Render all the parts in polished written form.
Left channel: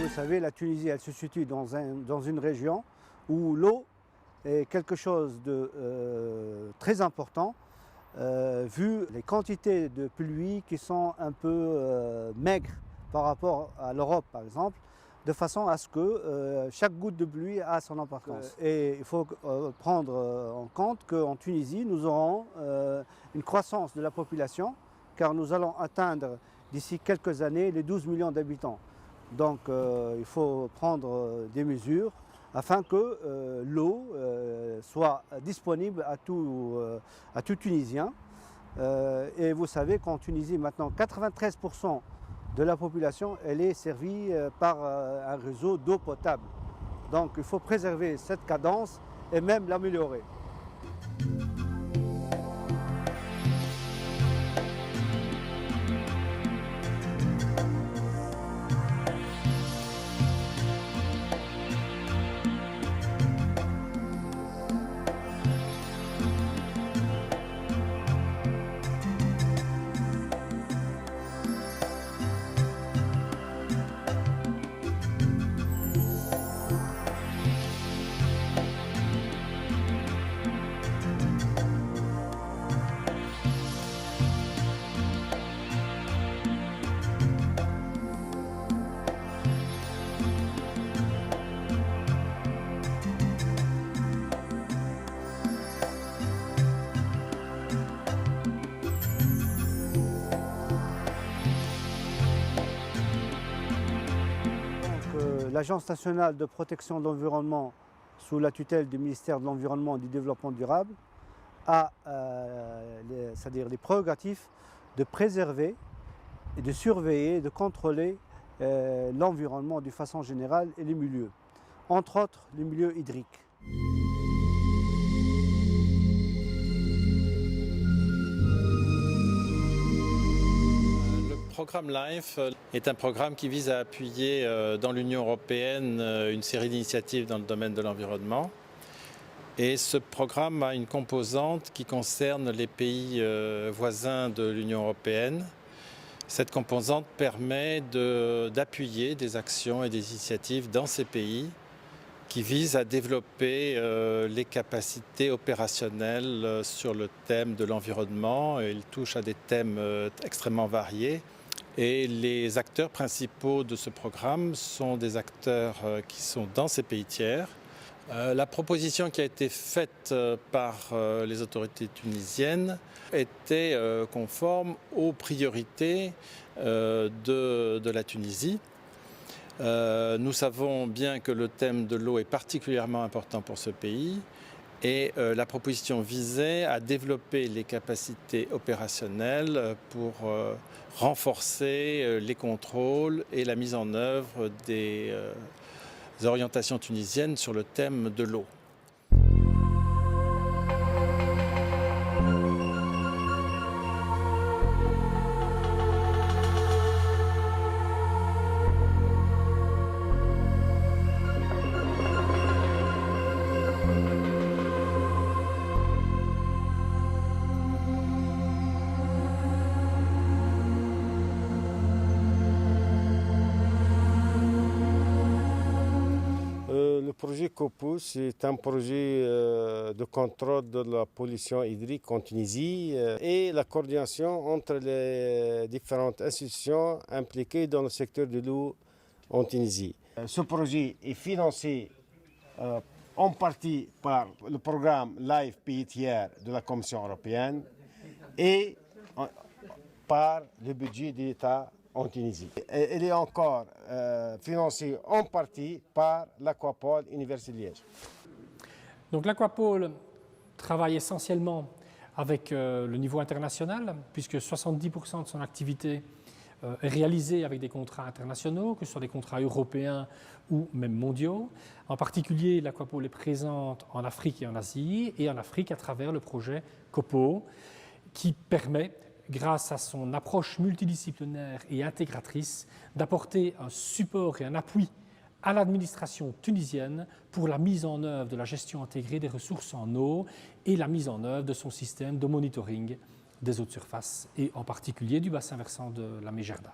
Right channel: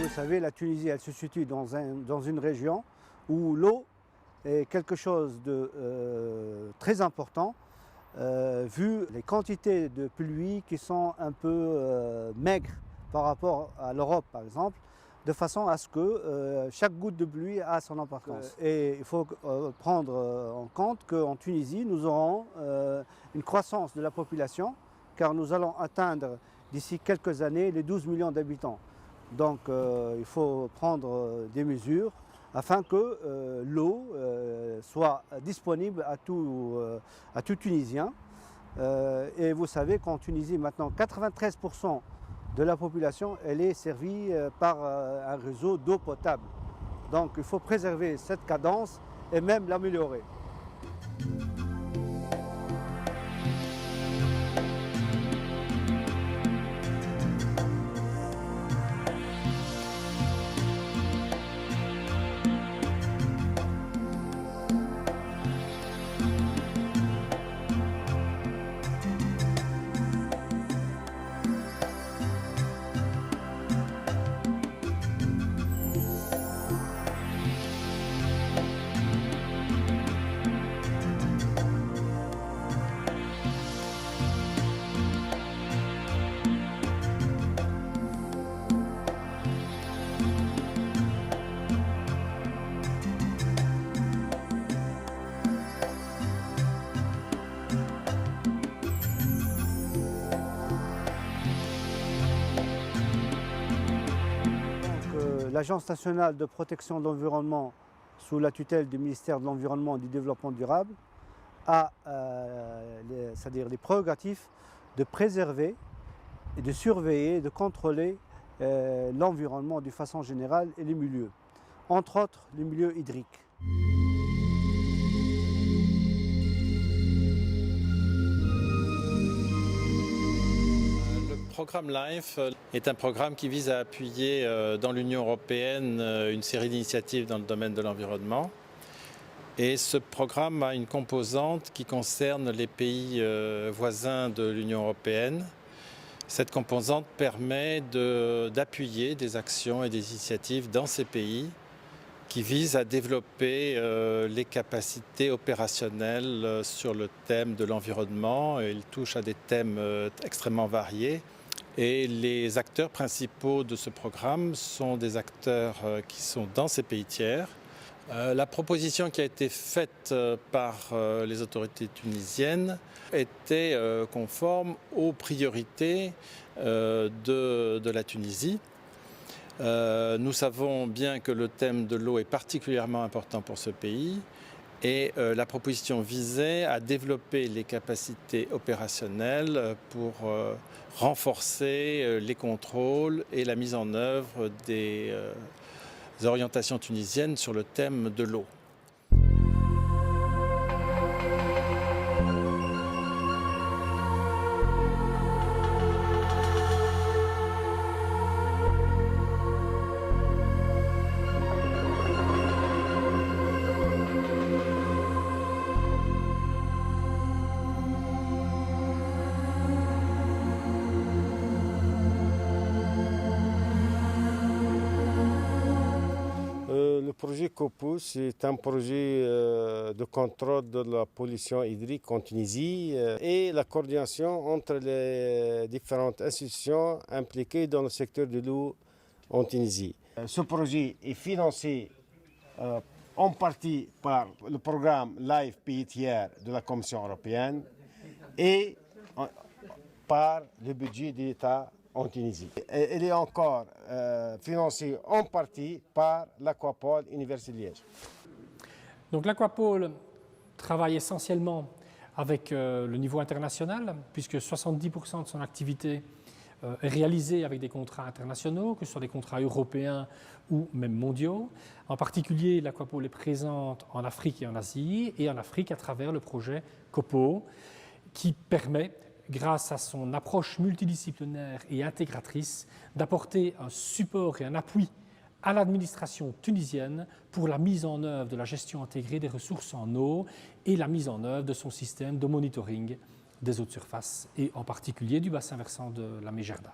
Vous savez, la Tunisie, elle se situe dans une région où l'eau est quelque chose de très important, vu les quantités de pluie qui sont un peu maigres par rapport à l'Europe, par exemple, de façon à ce que chaque goutte de pluie a son importance. Et il faut prendre en compte qu'en Tunisie, nous aurons une croissance de la population, car nous allons atteindre d'ici quelques années les 12 millions d'habitants. Donc il faut prendre des mesures afin que l'eau soit disponible à tout Tunisien. Et vous savez qu'en Tunisie, maintenant, 93% de la population elle est servie par un réseau d'eau potable. Donc il faut préserver cette cadence et même l'améliorer. L'Agence nationale de protection de l'environnement, sous la tutelle du ministère de l'Environnement et du Développement durable, a c'est-à-dire les prérogatives de préserver et de surveiller et de contrôler l'environnement de façon générale et les milieux, entre autres les milieux hydriques. Le programme LIFE est un programme qui vise à appuyer dans l'Union européenne une série d'initiatives dans le domaine de l'environnement. Et ce programme a une composante qui concerne les pays voisins de l'Union européenne. Cette composante permet d'appuyer des actions et des initiatives dans ces pays qui visent à développer les capacités opérationnelles sur le thème de l'environnement. Il touche à des thèmes extrêmement variés. Et les acteurs principaux de ce programme sont des acteurs qui sont dans ces pays tiers. La proposition qui a été faite par les autorités tunisiennes était conforme aux priorités de la Tunisie. Nous savons bien que le thème de l'eau est particulièrement important pour ce pays et la proposition visait à développer les capacités opérationnelles pour renforcer les contrôles et la mise en œuvre des orientations tunisiennes sur le thème de l'eau. Le projet COPO, c'est un projet de contrôle de la pollution hydrique en Tunisie et la coordination entre les différentes institutions impliquées dans le secteur de l'eau en Tunisie. Ce projet est financé en partie par le programme LIFE Pays Tiers de la Commission européenne et par le budget de l'État en Tunisie. Elle est encore financée en partie par l'Aquapole Université de Liège. Donc l'Aquapole travaille essentiellement avec le niveau international, puisque 70% de son activité est réalisée avec des contrats internationaux, que ce soit des contrats européens ou même mondiaux. En particulier, l'Aquapole est présente en Afrique et en Asie, et en Afrique à travers le projet COPO, qui permet, grâce à son approche multidisciplinaire et intégratrice, d'apporter un support et un appui à l'administration tunisienne pour la mise en œuvre de la gestion intégrée des ressources en eau et la mise en œuvre de son système de monitoring des eaux de surface et en particulier du bassin versant de la Mégerda.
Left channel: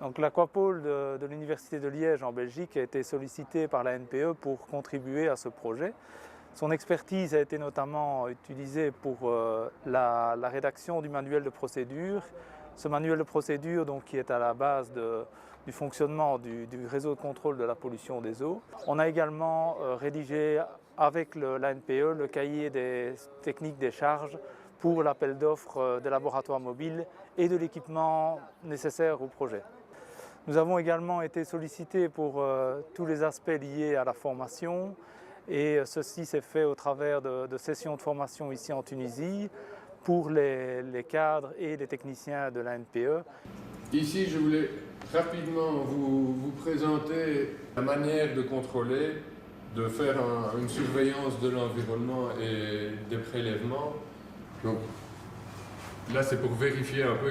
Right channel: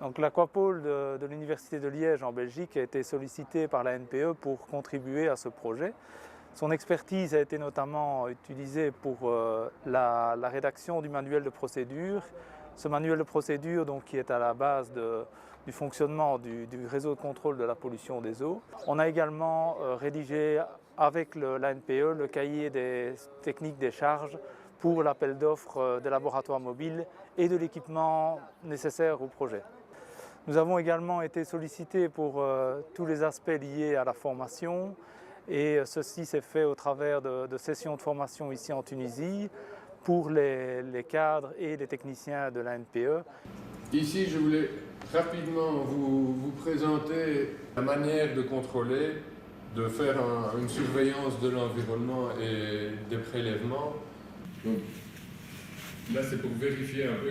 Donc l'Aquapole de l'Université de Liège en Belgique a été sollicité par la NPE pour contribuer à ce projet. Son expertise a été notamment utilisée pour la rédaction du manuel de procédure. Ce manuel de procédure donc, qui est à la base du fonctionnement du réseau de contrôle de la pollution des eaux. On a également rédigé avec la NPE le cahier des techniques des charges pour l'appel d'offres des laboratoires mobiles et de l'équipement nécessaire au projet. Nous avons également été sollicités pour tous les aspects liés à la formation et ceci s'est fait au travers de sessions de formation ici en Tunisie pour les cadres et les techniciens de la NPE. Ici, je voulais rapidement vous présenter la manière de contrôler, de faire une surveillance de l'environnement et des prélèvements. Donc, là, c'est pour vérifier un peu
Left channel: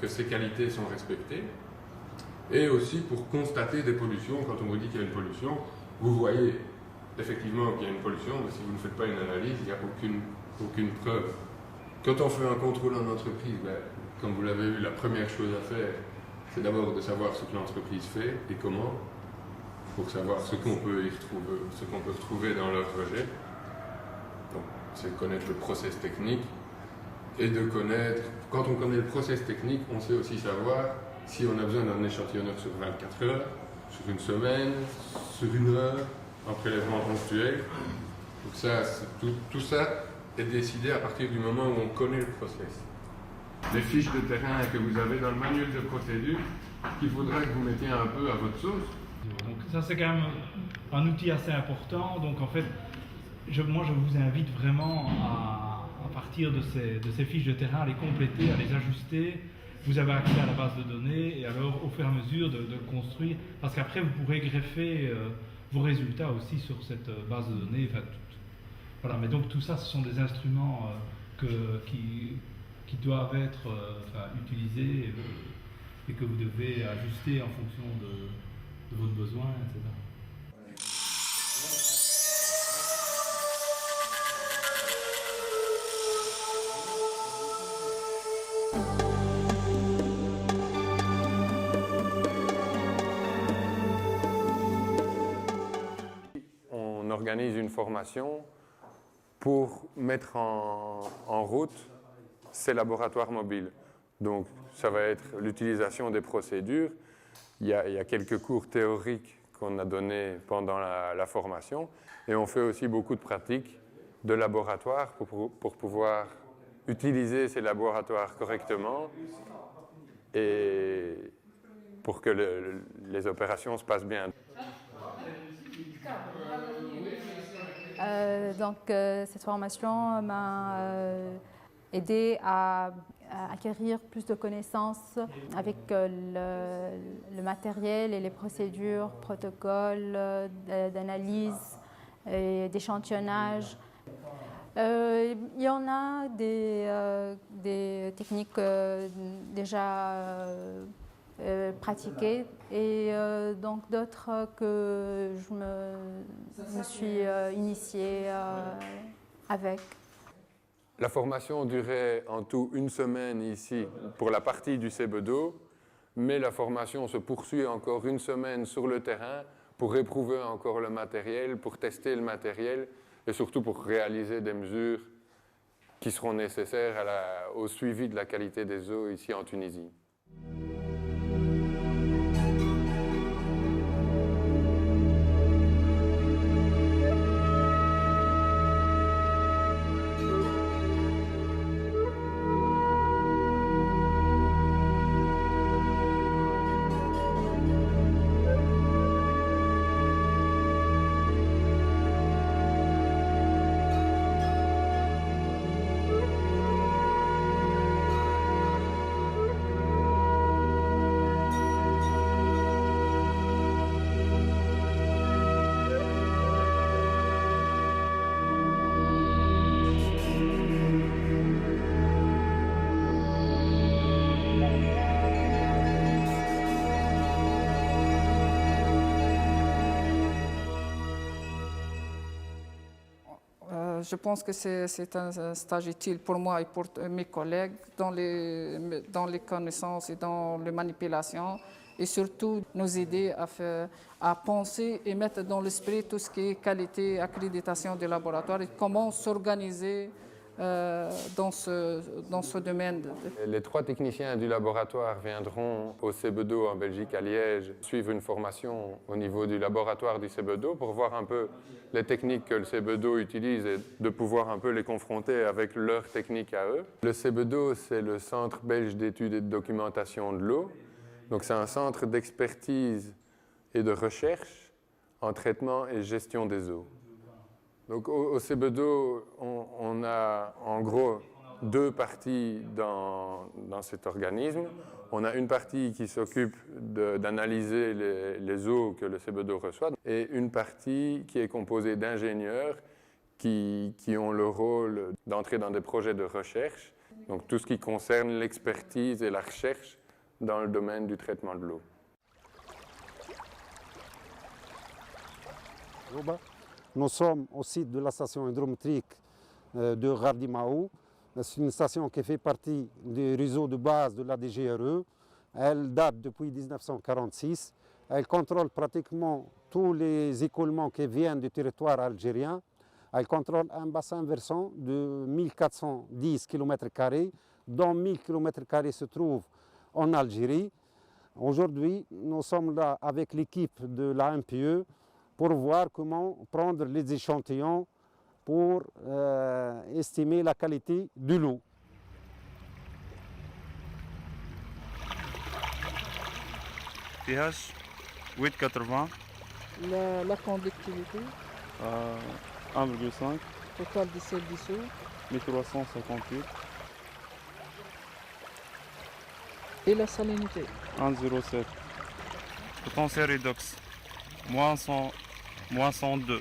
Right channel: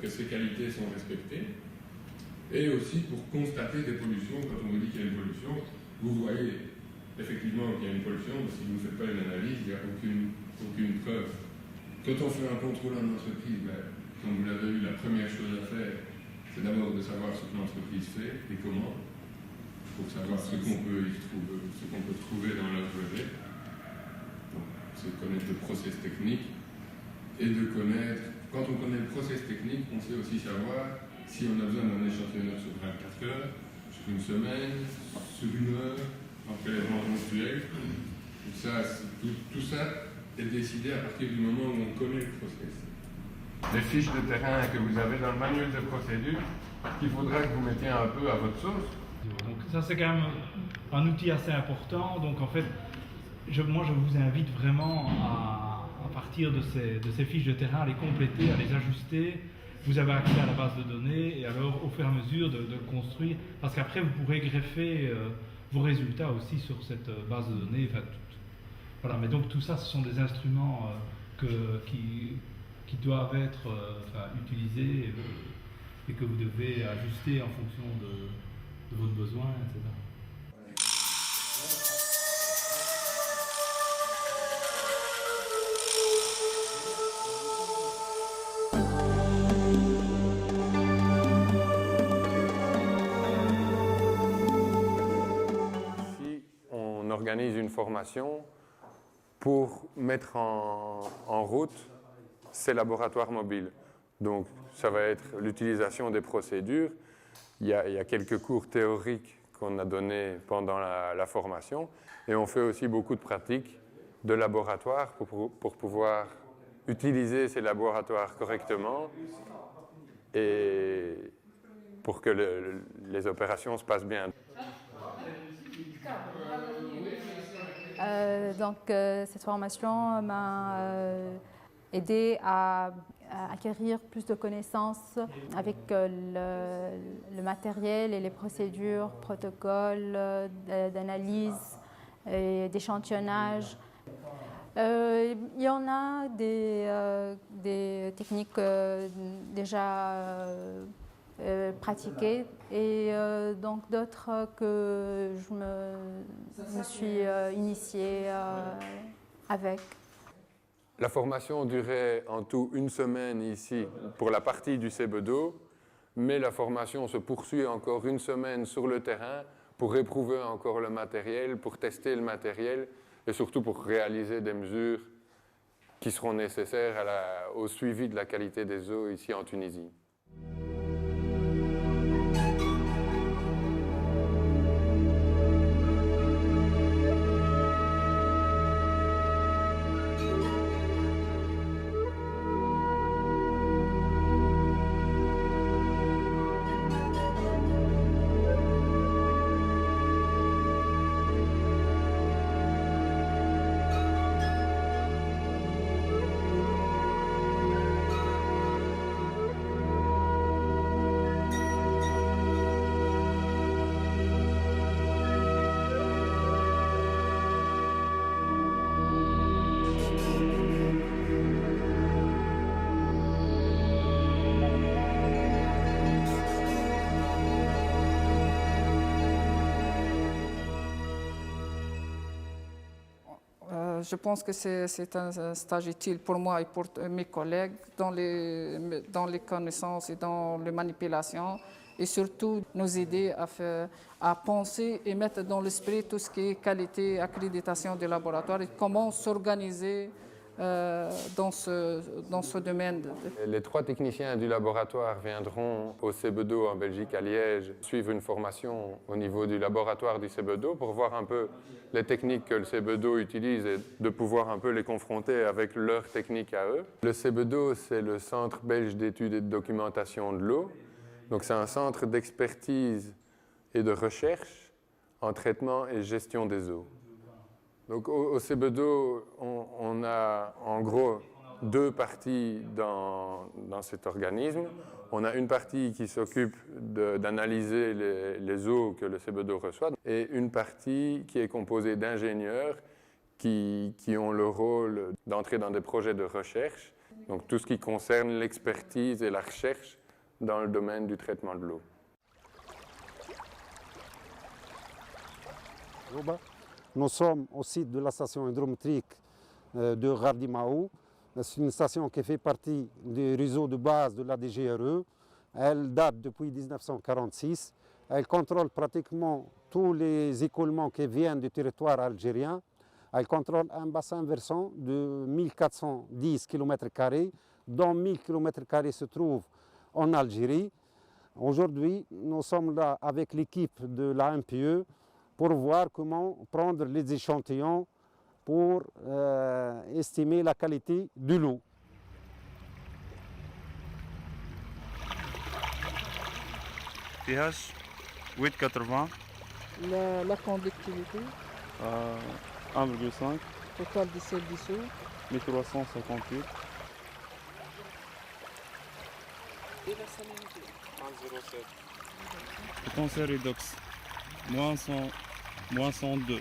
que ces qualités sont respectées. Et aussi pour constater des pollutions. Quand on vous dit qu'il y a une pollution, vous voyez effectivement qu'il y a une pollution, mais si vous ne faites pas une analyse, il n'y a aucune preuve. Quand on fait un contrôle en entreprise, comme vous l'avez vu, la première chose à faire, c'est d'abord de savoir ce que l'entreprise fait et comment, pour savoir ce qu'on peut retrouver dans leur projet. Donc, c'est connaître le process technique et de connaître, quand on connaît le process technique, on sait aussi savoir si on a besoin d'un échantillonneur sur 24 heures, sur une semaine, sur une heure, en prélèvement ponctuel. Donc ça, tout ça est décidé à partir du moment où on connaît le process. Les fiches de terrain que vous avez dans le manuel de procédure, qu'il faudra que vous mettiez un peu à votre sauce. Donc ça c'est quand même un outil assez important. Donc en fait, moi je vous invite vraiment à partir de ces fiches de terrain, à les compléter, à les ajuster. Vous avez accès à la base de données et alors au fur et à mesure de le construire, parce qu'après vous pourrez greffer vos résultats aussi sur cette base de données. Enfin, voilà, mais donc tout ça, ce sont des instruments qui doivent être utilisés et que vous devez ajuster en fonction de votre besoin, etc. On organise une formation pour mettre en route ces laboratoires mobiles. Donc, ça va être l'utilisation des procédures. Il y a quelques cours théoriques qu'on a donnés pendant la formation. Et on fait aussi beaucoup de pratiques de laboratoire pour pouvoir utiliser ces laboratoires correctement et pour que les opérations se passent bien. Cette formation m'a aidé à acquérir plus de connaissances avec le matériel et les procédures, protocoles d'analyse et d'échantillonnage. Il y en a des techniques déjà pratiquées et donc d'autres que je me suis initiée avec. La formation durait en tout 1 semaine ici pour la partie du Sebedo, mais la formation se poursuit encore 1 semaine sur le terrain pour éprouver encore le matériel, pour tester le matériel et surtout pour réaliser des mesures qui seront nécessaires au suivi de la qualité des eaux ici en Tunisie. Je pense que c'est un stage utile pour moi et pour mes collègues dans les connaissances et dans les manipulations et surtout nous aider à penser et mettre dans l'esprit tout ce qui est qualité, accréditation des laboratoires et comment s'organiser dans ce domaine. Les 3 techniciens du laboratoire viendront au Sebedo en Belgique, à Liège, suivre une formation au niveau du laboratoire du Sebedo pour voir un peu les techniques que le Sebedo utilise et de pouvoir un peu les confronter avec leurs techniques à eux. Le Sebedo, c'est le Centre belge d'études et de documentation de l'eau. Donc c'est un centre d'expertise et de recherche en traitement et gestion des eaux. Donc au Sebedo, on a en gros 2 parties dans cet organisme. On a une partie qui s'occupe d'analyser les eaux que le Sebedo reçoit et une partie qui est composée d'ingénieurs qui ont le rôle d'entrer dans des projets de recherche. Donc tout ce qui concerne l'expertise et la recherche dans le domaine du traitement de l'eau. Nous sommes au site de la station hydrométrique de Gardimaou. C'est une station qui fait partie du réseau de base de la DGRE. Elle date depuis 1946. Elle contrôle pratiquement tous les écoulements qui viennent du territoire algérien. Elle contrôle un bassin versant de 1410 km², dont 1000 km² se trouvent en Algérie. Aujourd'hui, nous sommes là avec l'équipe de la MPE pour voir comment prendre les échantillons pour estimer la qualité de l'eau. pH 8,80. La conductivité 1,5. total de sel dissous 1358. et la salinité 1,07. Potentiel redox moins 102.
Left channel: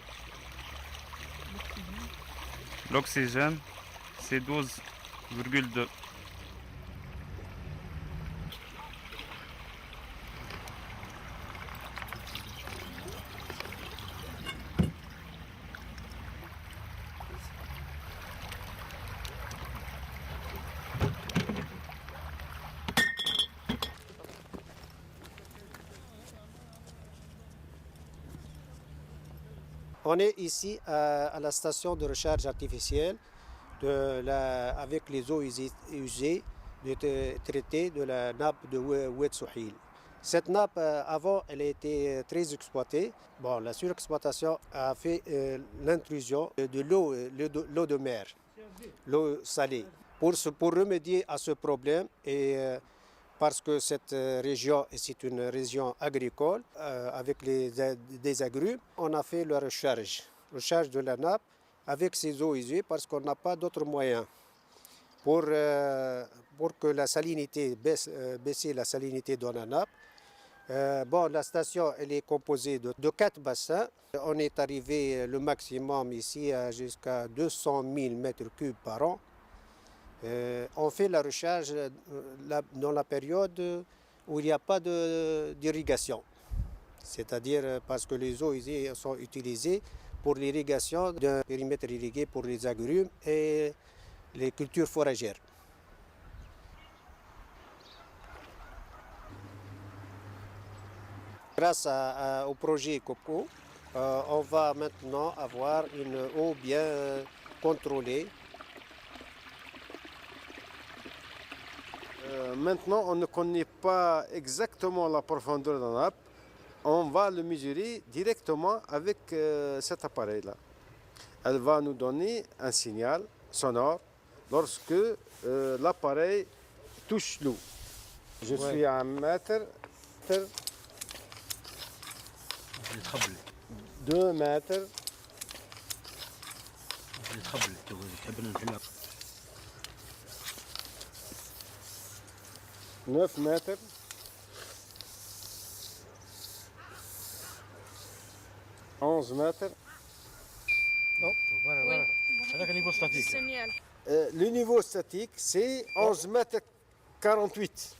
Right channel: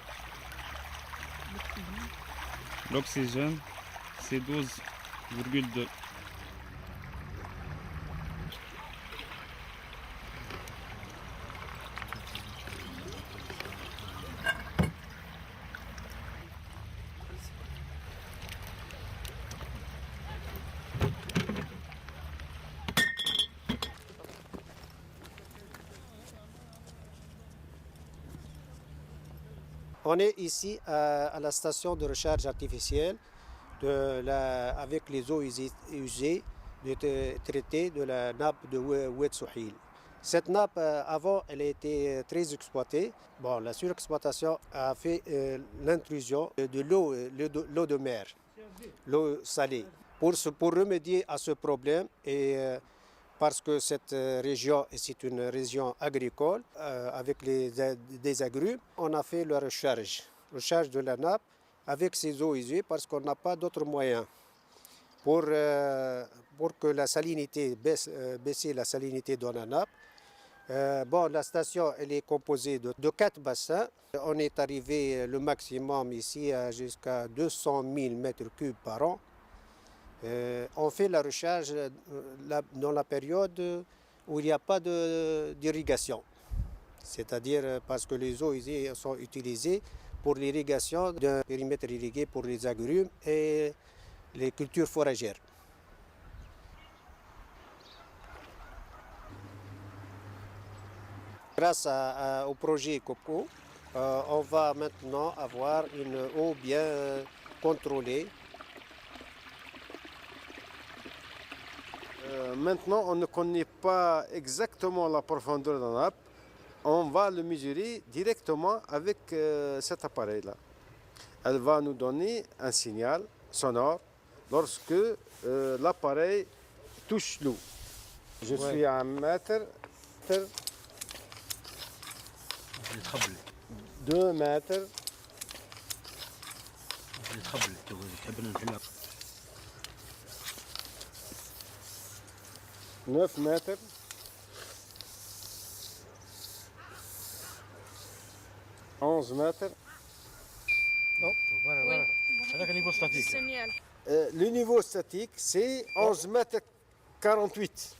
L'oxygène, c'est 12,2. On est ici à la station de recharge artificielle avec les eaux usées traitées de la nappe de Oued Souhil. Cette nappe, avant, elle a été très exploitée. Bon, la surexploitation a fait l'intrusion de l'eau de mer, l'eau salée. Pour remédier à ce problème et parce que cette région c'est une région agricole avec des agrumes, on a fait la recharge de la nappe avec ces eaux usées parce qu'on n'a pas d'autres moyens pour que la salinité baisser la salinité dans la nappe. La station elle est composée de 4 bassins. On est arrivé le maximum ici jusqu'à 200 000 m3 par an. On fait la recharge dans la période où il n'y a pas d'irrigation, c'est-à-dire parce que les eaux usées sont utilisées pour l'irrigation d'un périmètre irrigué pour les agrumes et les cultures foragères. Grâce au projet COPCO, on va maintenant avoir une eau bien contrôlée. Maintenant, on ne connaît pas exactement la profondeur de la nappe. On va le mesurer directement avec cet appareil-là. Elle va nous donner un signal sonore lorsque l'appareil touche l'eau. Je suis à 1 mètre, 2 mètres, 9 mètres, 11 mètres. هذاك النيفو ستاتيك. Le niveau statique, c'est 11 mètres 48.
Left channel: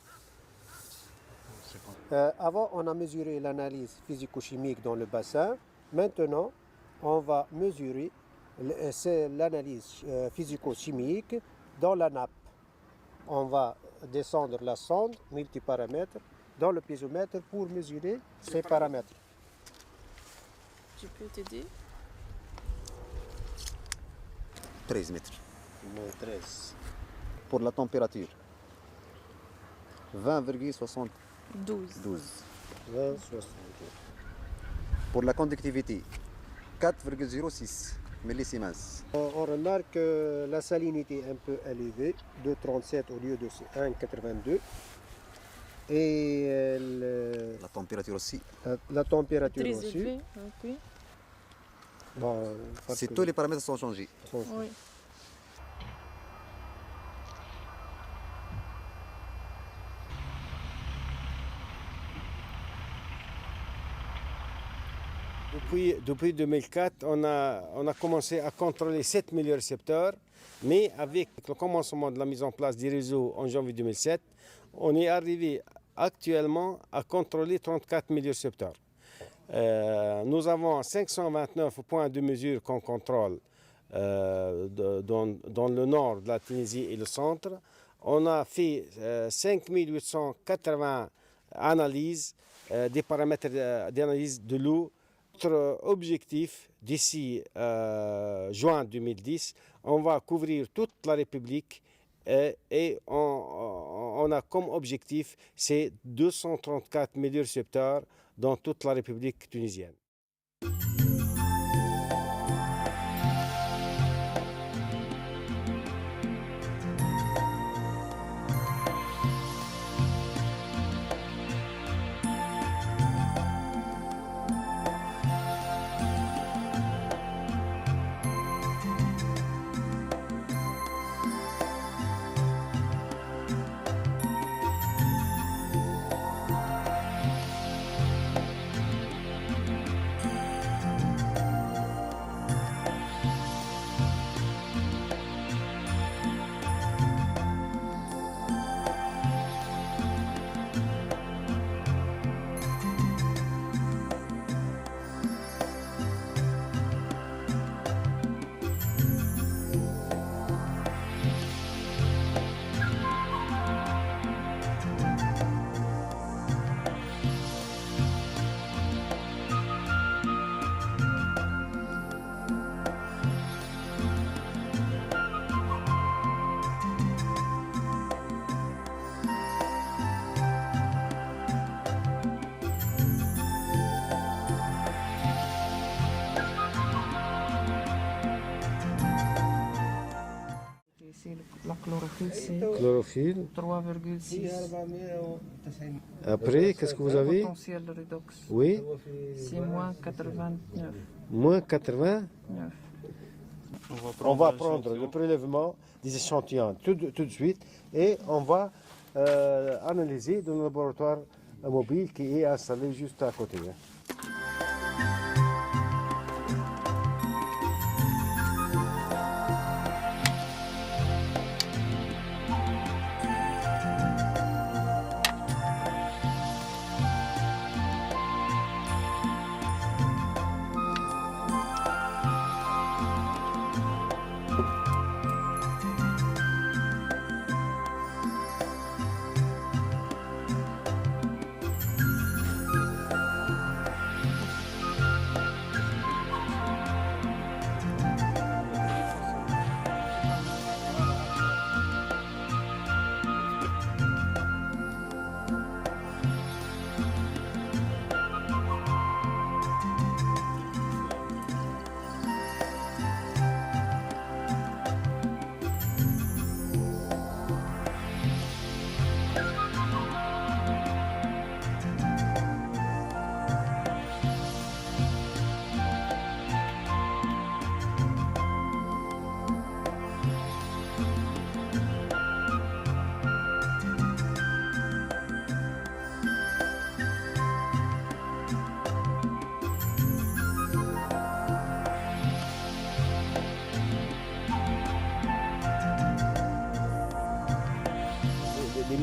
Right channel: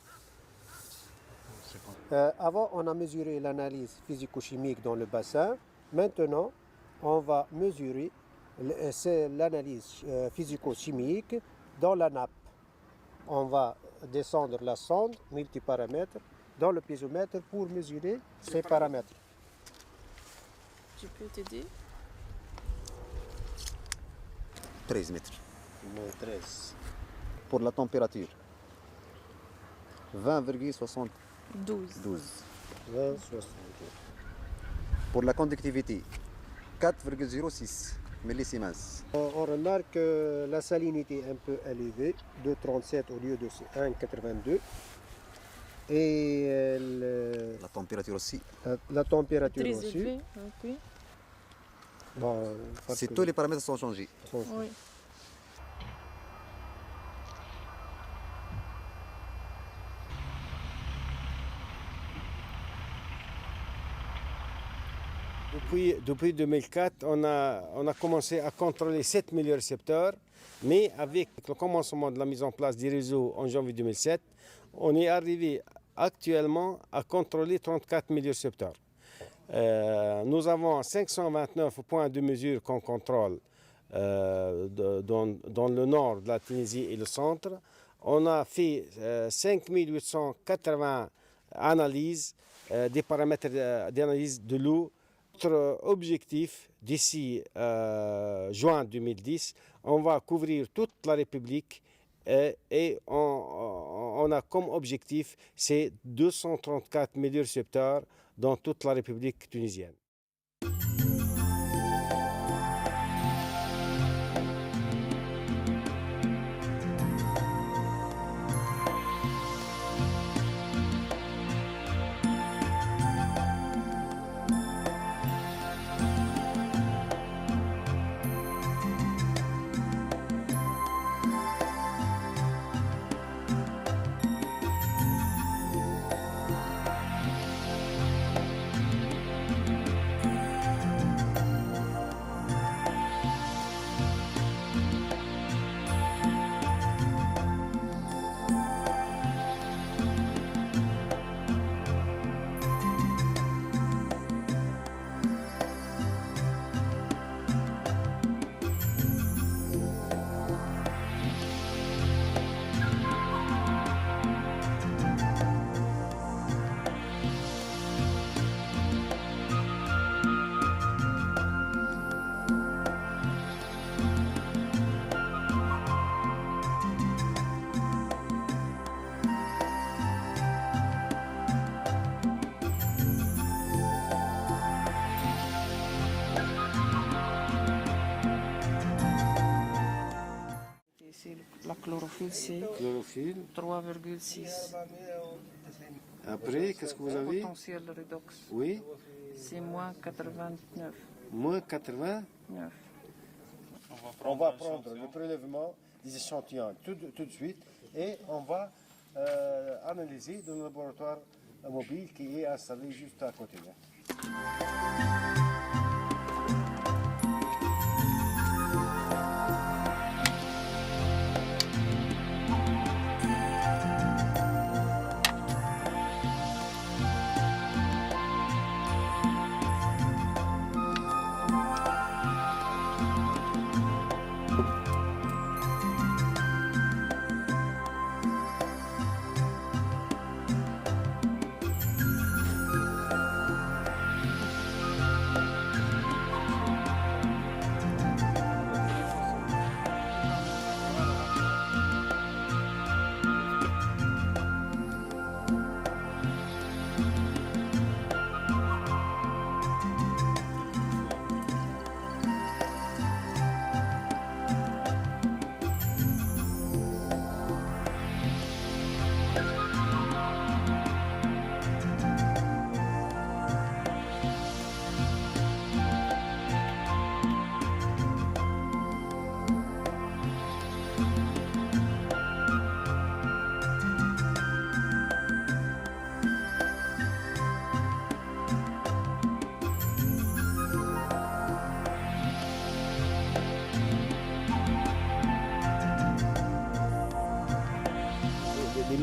Avant, on a mesuré l'analyse physico-chimique dans le bassin. Maintenant, on va mesurer l'analyse physico-chimique dans la nappe. On va descendre la sonde multiparamètres dans le piézomètre pour mesurer ces paramètres. Je peux t'aider? 13 mètres. 13. Pour la température, 20,72. 12. Pour la conductivité, 4,06 millisiemens. On remarque que la salinité est un peu élevée, 2,37 au lieu de 1,82. Et la température aussi. La température Très aussi. élevé, ok. Bon, C'est tous les paramètres sont changés. Oui. Depuis 2004, on a commencé à contrôler 7 millions de récepteurs, mais avec le commencement de la mise en place des réseaux en janvier 2007, on est arrivé actuellement à contrôler 34 millions de récepteurs. Nous avons 529 points de mesure qu'on contrôle dans le nord de la Tunisie et le centre. On a fait 5880 analyses, des paramètres d'analyse de l'eau. Notre objectif d'ici juin 2010, on va couvrir toute la République et on a comme objectif c'est 234 millions de récepteurs dans toute la République tunisienne. La chlorophylle, c'est Chlorophylle. 3,6. Après, qu'est-ce que vous avez? Potentiel redox. Oui. C'est moins 89. Moins 89. On va prendre le prélèvement des échantillons tout de suite et on va analyser dans le laboratoire mobile qui est installé juste à côté.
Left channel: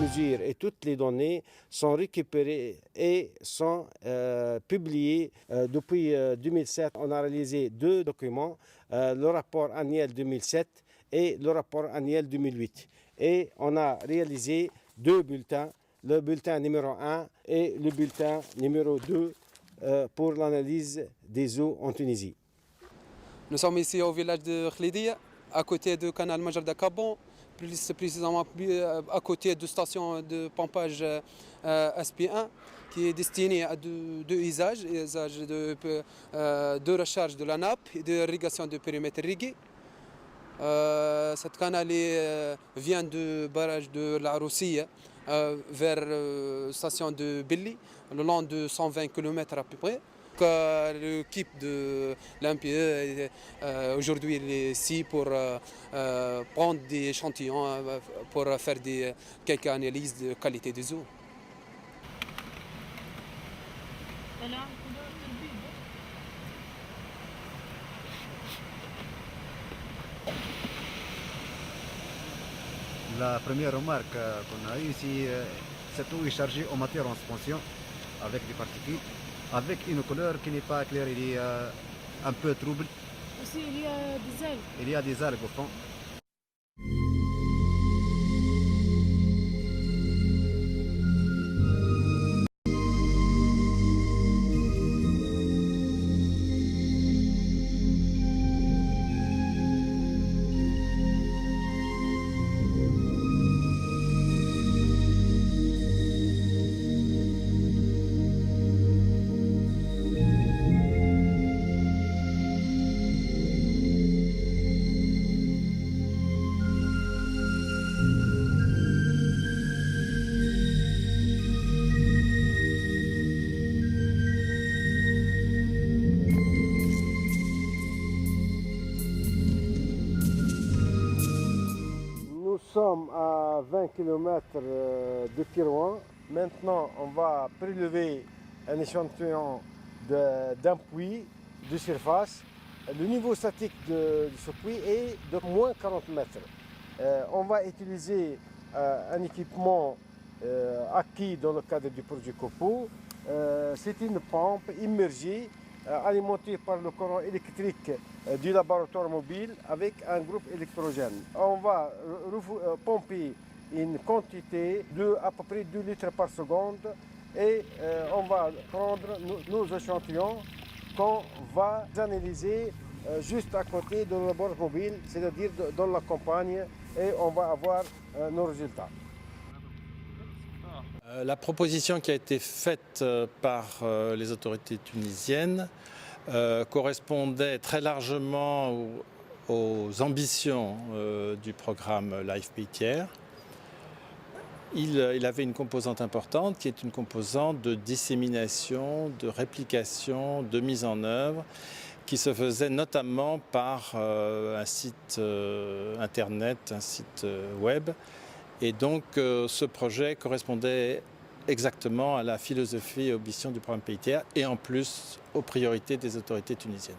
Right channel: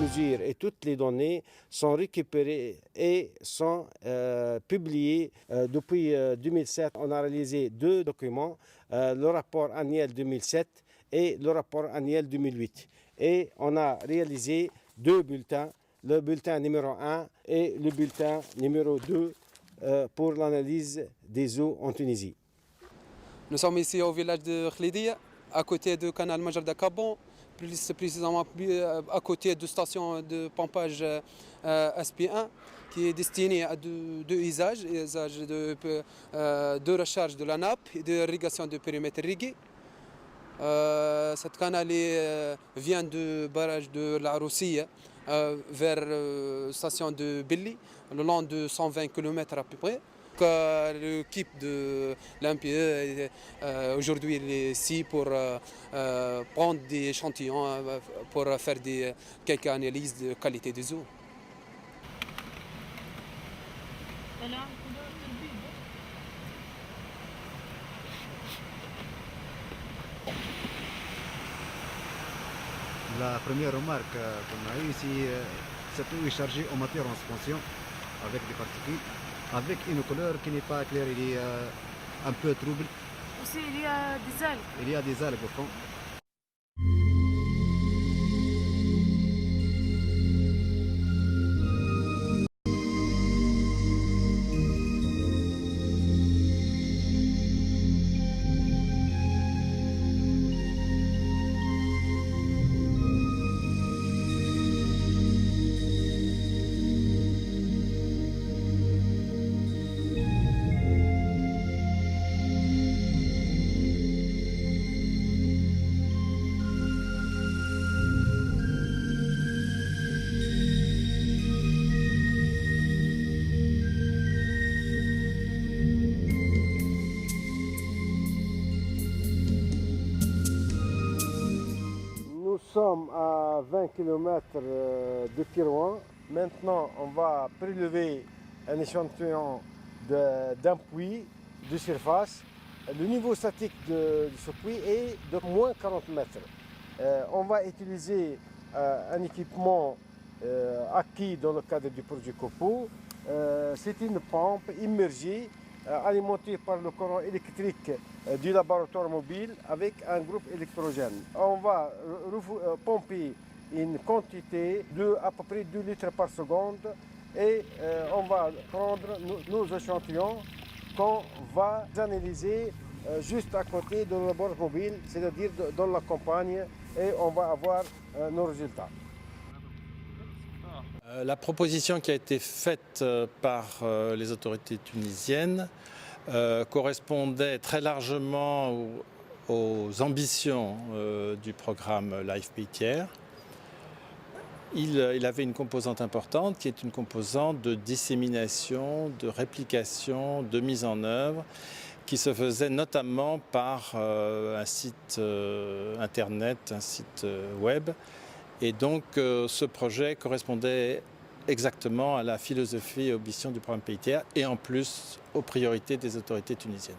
mesures et toutes les données sont récupérées et sont publiées. Depuis 2007, on a réalisé 2 documents, le rapport annuel 2007 et le rapport annuel 2008. Et on a réalisé 2 bulletins, le bulletin numéro 1 et le bulletin numéro 2 pour l'analyse des eaux en Tunisie. Nous sommes ici au village de Khlidia, à côté du canal Major d'Akabon, plus précisément à côté de la station de pompage SP1, qui est destinée à deux usages de recharge de la nappe et d'irrigation du périmètre irrigué. Cette canal vient du barrage de la Roussia vers la station de Billy, le long de 120 km à peu près. L'équipe de l'MPE aujourd'hui est ici pour prendre des échantillons pour faire quelques analyses de qualité des eaux. La première remarque qu'on a eue ici, cette eau est chargée en matière en suspension avec des particules, avec une couleur qui n'est pas claire, il y a un peu trouble. Aussi, il y a des algues. Il y a des algues au fond. Nous sommes à 20 km de Kirouan. Maintenant, on va prélever un échantillon d'un puits de surface. Le niveau statique de ce puits est de moins 40 mètres. On va utiliser un équipement acquis dans le cadre du projet COPO. C'est une pompe immergée alimentée par le courant électrique du laboratoire mobile avec un groupe électrogène. On va pomper une quantité de à peu près 2 litres par seconde et on va prendre nos échantillons qu'on va analyser juste à côté de laboratoire mobile, c'est-à-dire dans la campagne, et on va avoir nos résultats. La proposition qui a été faite par les autorités tunisiennes correspondait très largement aux ambitions du programme Life Pays Tiers. Il avait une composante importante qui est une composante de dissémination, de réplication, de mise en œuvre qui se faisait notamment par un site internet, un site web. Et donc ce projet correspondait exactement à la philosophie et aux ambitions du programme Pays Tiers et en plus aux priorités des autorités tunisiennes.